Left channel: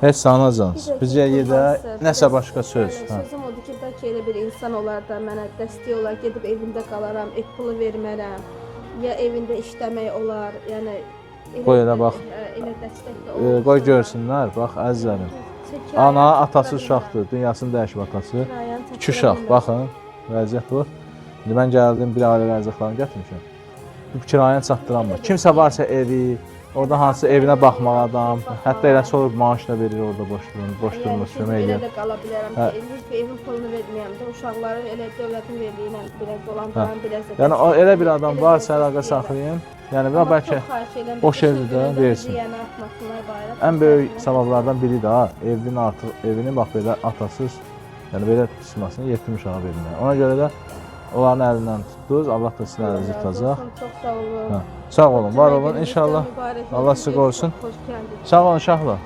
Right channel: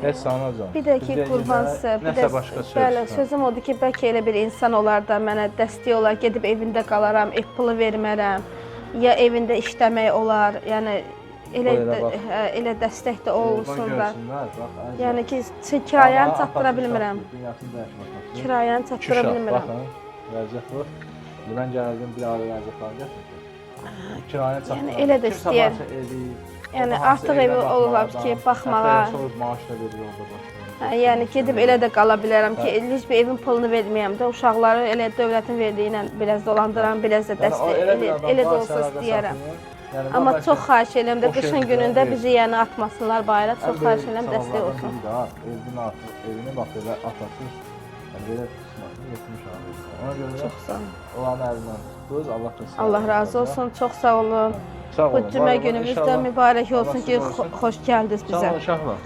Heç sanacan. Bir də Bizə ki, yedə qurbansız, nəsə başqa söz. Bəli, sözüm odur ki, bəlkə elə bir insan olar da mənə dəstək olar, gedib evində qalaram, ev pulu vermərəm, ya evində işləmək olar, yəni Qoy elə bax. elə dəstək də olsun. Qoy görsünlər, bax əzizim. Yəni ki, kirayəni Ana, çatdıra atası bilmirəm. uşaqdır, dünyasını dəyişib atası. Kirayəni İki çatdıra uşaq, bilmirəm. baxın, vəziyyət bu. İndi mən gəldim, bir ailə vəziyyətlərini gətirmişəm. Bu kirayəni Elə çatdıramır. də Kimsə istəyər. varsa evi, orada Yəni hansı artıq evinə evi baxmalı olar ki, adam, baxmalar. hətta elə sonra maaş da verir orada boş Yəni gedib elə də qala bilərəm ki, Hə. heç bir evin pulunu verməyəm də, uşaqları elə dövlətin verdiyi ilə biraz dolandıram, biraz da Yəni dəstək. elə bir adam Elə də varsa olsa əlaqə istəyərəm. saxlayın. Yəni Amma bəlkə çox xahiş edirəm də boş qışın evdə günündə deyilsin. bizi yəni atmasınlar bayıra. Çox ən xahiş böyük edirəm, səbəblərdən dəstək biri də evini bax belə atasız, yəni belə tutmasını yetim uşağa verirlər. Ona görə də olsun. onların əlindən tutdunuz, Allah da sizin Allah əlinizdən razı tutacaq. olsun, çox sağ olun. Hə, sağ olun, Bu var cümə olun günümüz də inşallah. mübarək Allah olsun sizi ki, qorusun. xoş gəldiniz bizə. Sağ olun uşaqlar.